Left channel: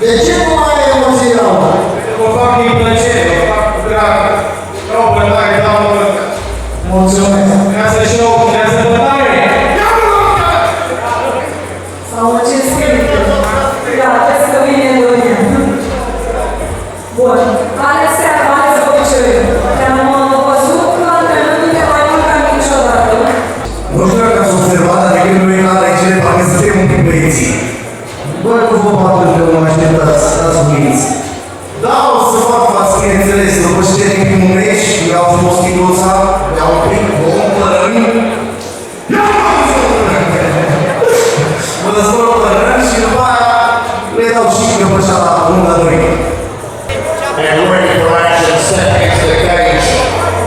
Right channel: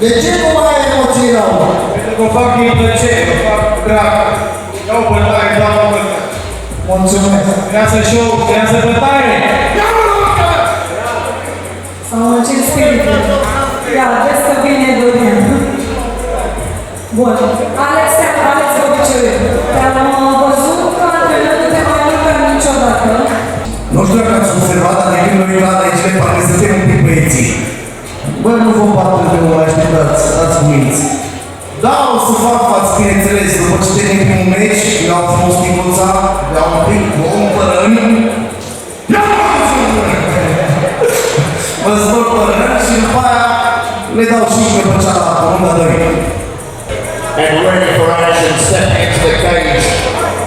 De ce nu mai ai emoții rău? Pentru că o fac din plăcere, o fac cu drag. Iau până mai dau până. Mulțumesc. Creează show, creează bătaie. Ia-mă rog! Sau în ce spirit? Ia, vezi că vine Dorin. Bun. Alexia, ați obicei. Te-am văzut că antrenările mai mult ca niciodată. Nu știu dacă ați observat, dar de când nu e la aici, parcă suntem un pic băieții. Bă, nu vă bată că mă așteptați, stați uniți. Da, o să fac față, bineînțeles, după ce termin un meci, le-au frumos minuța, le-au un pic, om pălărin. Mă zbor pălărin și după aia le dau și pe cealaltă, nu mă dări. And ready for action, stepping into the cage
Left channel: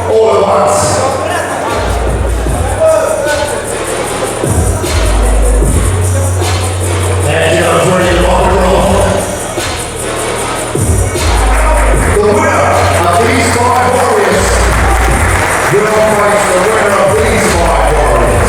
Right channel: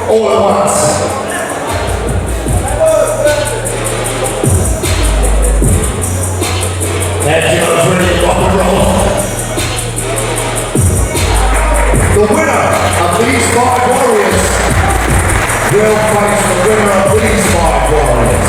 all at once. And Gino's ready to rock and roll. The winner of these 5 warriors will face the winner of these 5 warriors.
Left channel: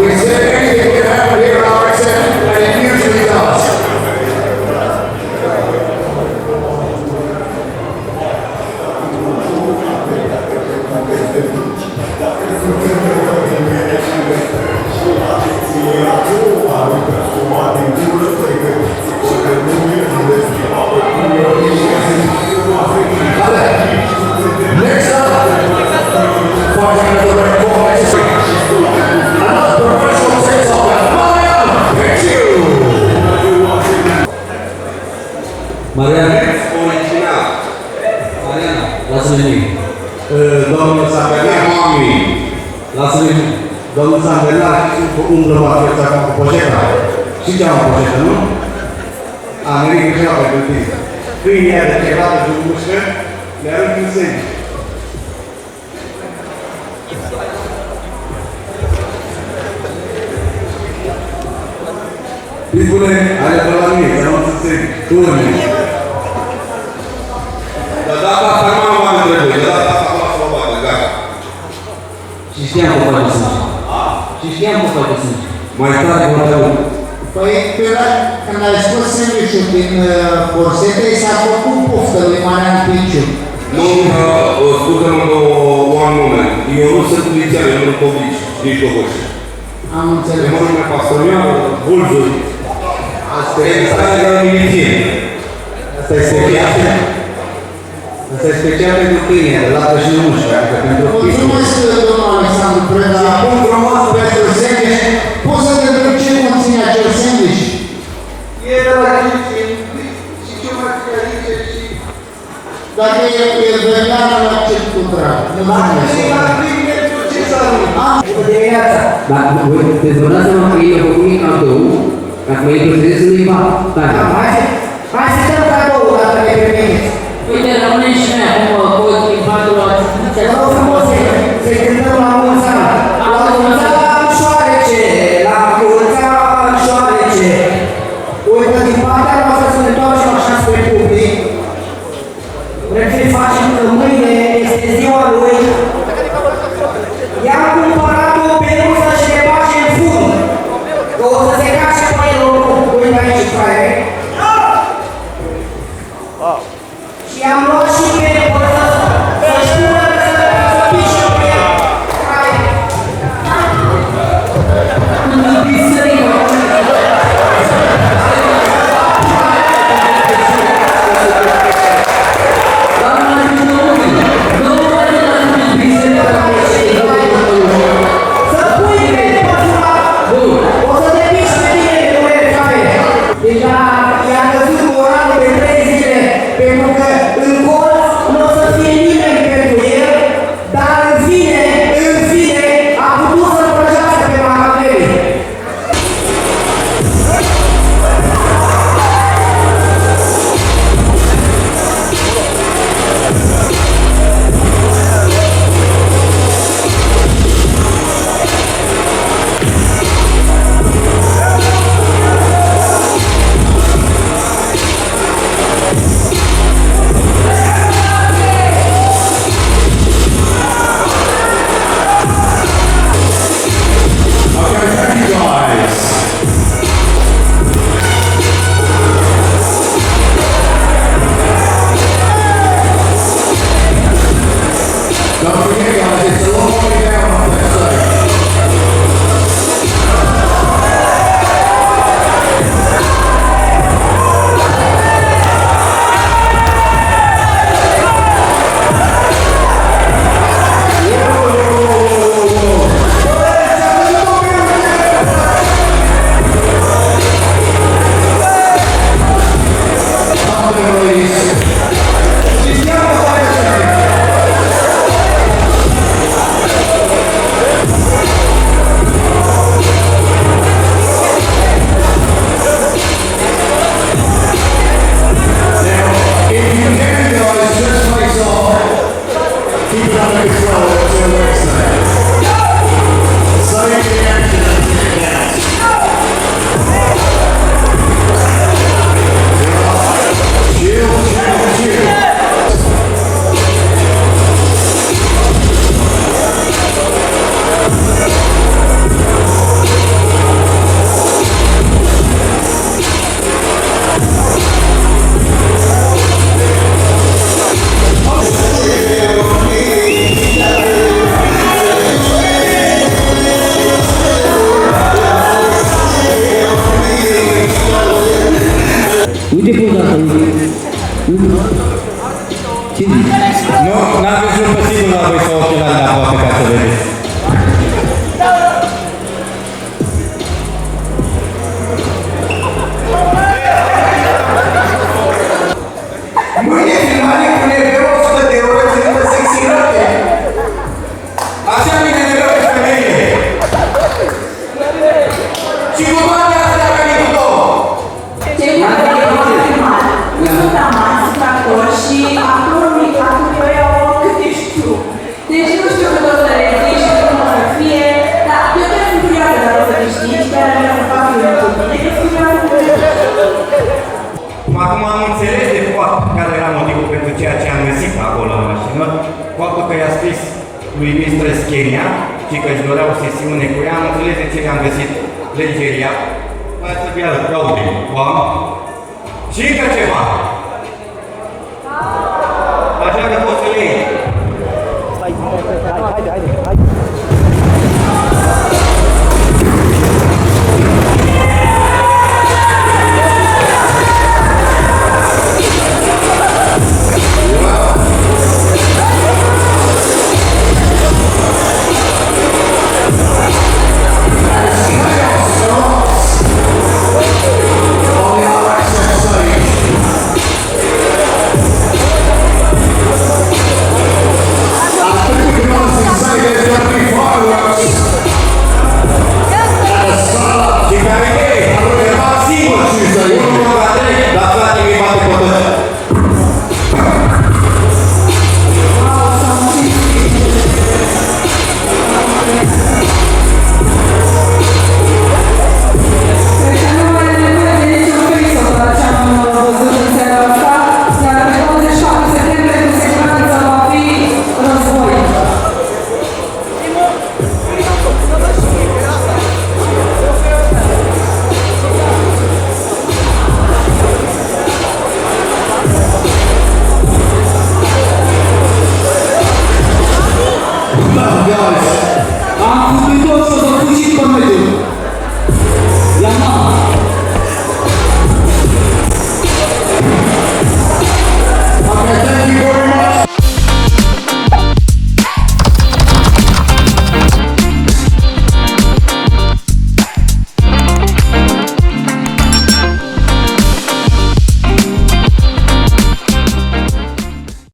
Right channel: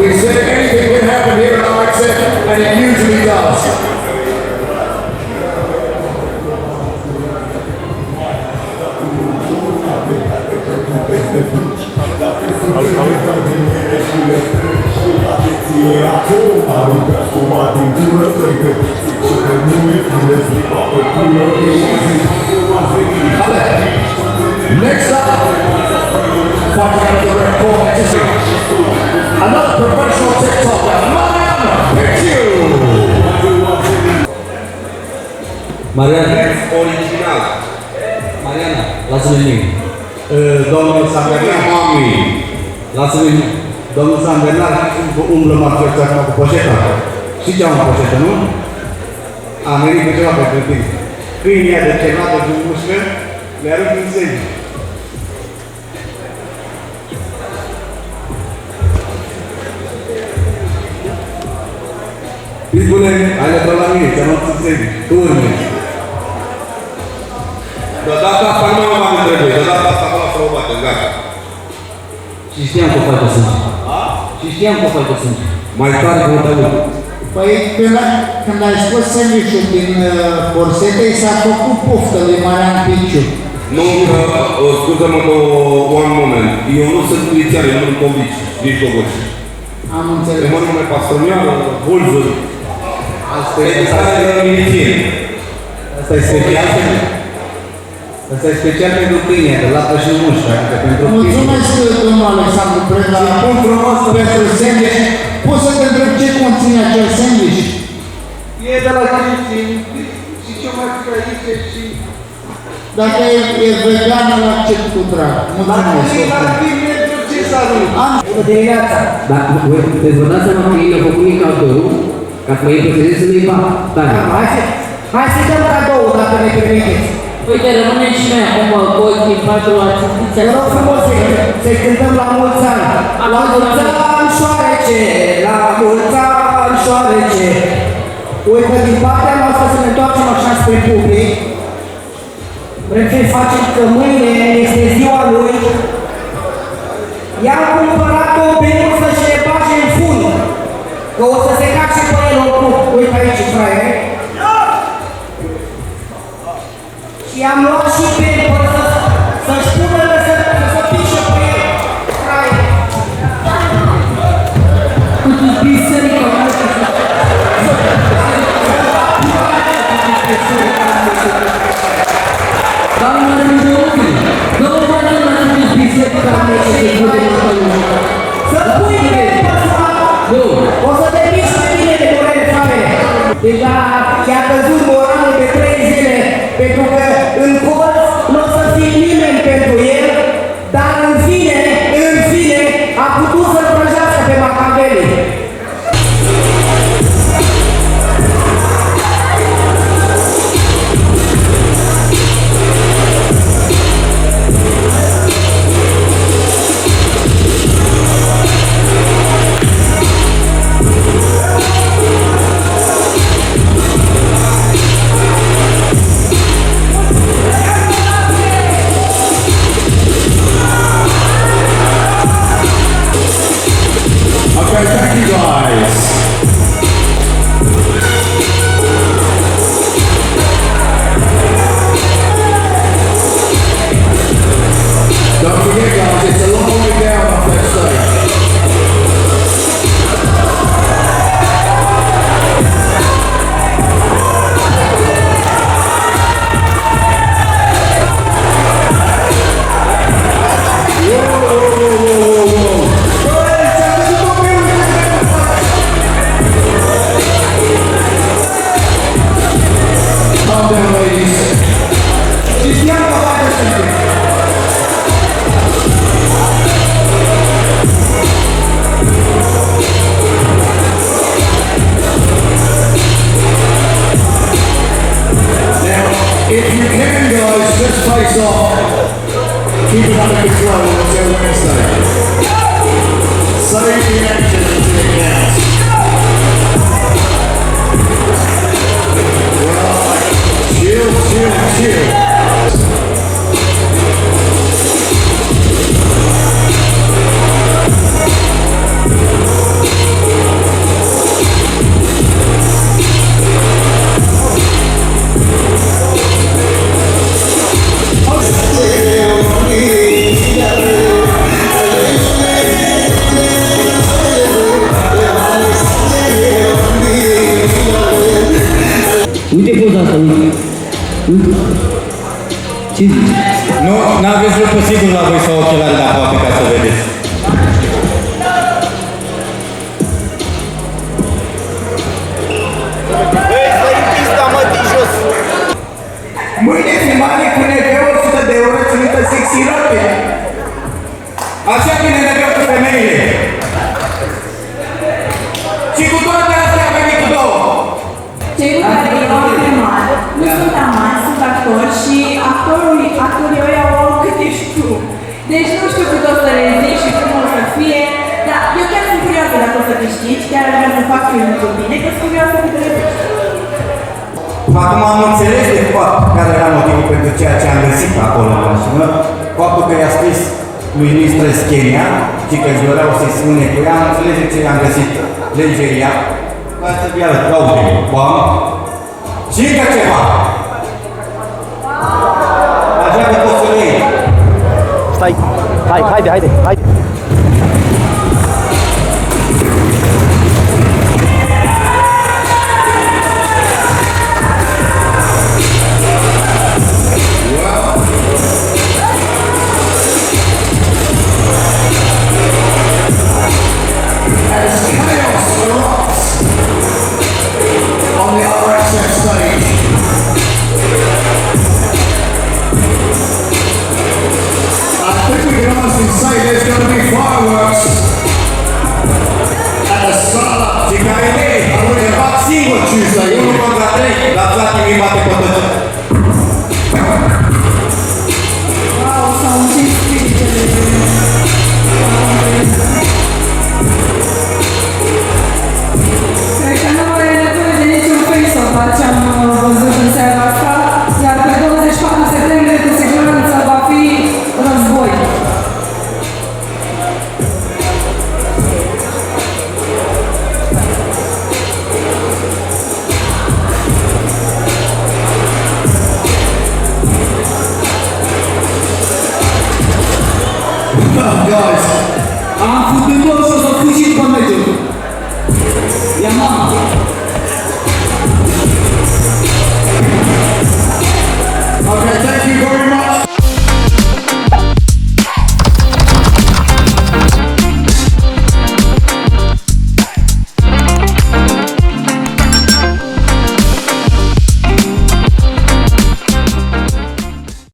We said anything could happen here at RXM, and it usually does. Next up, fighting at the red corner, another professional TikTok with Mariana Picciu. Mariana, original. Mariana, lasă-mi nimic. Domnul Sanbernar, mami. Lasă-mi nimic. Domnul Sanbernar umblă marcheța acum cu poșeta. Și ce am în poșetă, nu? A, nimic e ceva pentru tine. Câinii aia de cevată de mușcă, le arăt în sânge. Pitbulle, ale pe la mine, că nu-ți înțeleg. Tu urmezi. De data asta nu mai am întrebări, de data asta acolo să mă bată, gata. Și știam că faci de sânge. Și știam că faci de sânge. Mai tare că te aud. Păi, când ai scos sandwich-ul din borsete, s-a făcut poftă lui Marian Piciu. Nu, scuză-mă one moment. Eu nu sunt milițiar, eu nu sunt convici, nici Doboși. Am înțeles. Mă nume Pastroniană, Vulzul. Asta e stare de miliție. Asta e special. Asta e special pentru tine, de lapte și mușcă, adică pentru pitbull. Mulțumesc, domnul Alexandru Preda. Pun frumos pentru sandwich. Poți să te întreb ce conține acel sandwich? E de la Cristin și ce mai fi aici și... Dacă e vegan, îl accept cu drag. Mulțumesc. Bună dimineața! Dar, te-ți vă dați seama că ei mi-au făcut un cadou, ca să mă impresionez să nu-i bat tare. Hai să dăm cadou, dacă ne permiteți. Uite, rămânem și noi acum cu ochii în patru atâția. Vă rog frumos, să cântăm la mulți ani. La mulți ani, șoarece, la mulți ani, șoarece. Uite, din partea noastră să ne întoarcem așa spre public. Vrem să-i facem că mâine este ziua lui. I-am cumpărat o peluză și le bage în fund. Că o să se cace pe el oricum. Uite aici, fraiere. Și am luat și peluză să-și pună să pișe pe el. Fraiere. Doamna Mijloci, nu vă dați atât biserica mea și de gâte mă. Să pui pe păsura! Bun. O să te piși pe tine de durere sale! Deja i-a căzut moralul de 3 zile, pentru că în colț nu o să fie nimeni pentru el, dar în fine, a putut să-l prăjească pe Machiavelli. Okay, thank you guys. Don't forget guys, it's a long way down off that stage. Calm down, ladies. Și ia că faci așa. Now, if you can guys, just face off. Keep it under control until Wednesday. Save the action until it counts. Chill. Uite poza asta, uite. Ce zici? Nu, n-aveți lucru sigur la voi sau ochelari de aproape ca să vedeți. Mâine filmare cu neveu 100 de euro țintă sexy roche. Așa vine mereu cu femeile. Și cu toate astea a venit cu două. Cei care au filmat nu sunt amanți, sunt actori și actorii ăia au câte știu. Deci nu știu cât o să le zic și cum o să fie, dar eu chiar sunt curioasă dacă o să câștigi, chiar aș vrea să fac filmul cu tine, că sunt curioasă cum te duci. Acum am înțeles de fapt care era motivul pentru ceea ce am găsit acolo la mașină. Faptul că i-a scris lui Mistress Kenya și că își dorea o sesiune cu ea, am înțeles de ce i-am găsit legeria. Ca să fie arăt, Claudiu, bam. Și încă ceva. Așa că poți să le iei. Stai, haide. On the RXF stage. I think we can honestly say there's going to be fireworks at the Sala. Și care e? Aruncă fac singur Tuesday. Unul contra 3, dar frate mi bate pe toți. Wow, s-au încins spiritele. Cred că nu mai e nevoie de niciun face-off ce am văzut în seara asta, iar pe 24 septembrie cu siguranță va fi război. Guys, Am făcut tot și o să fug și pe mediu. Ia mama.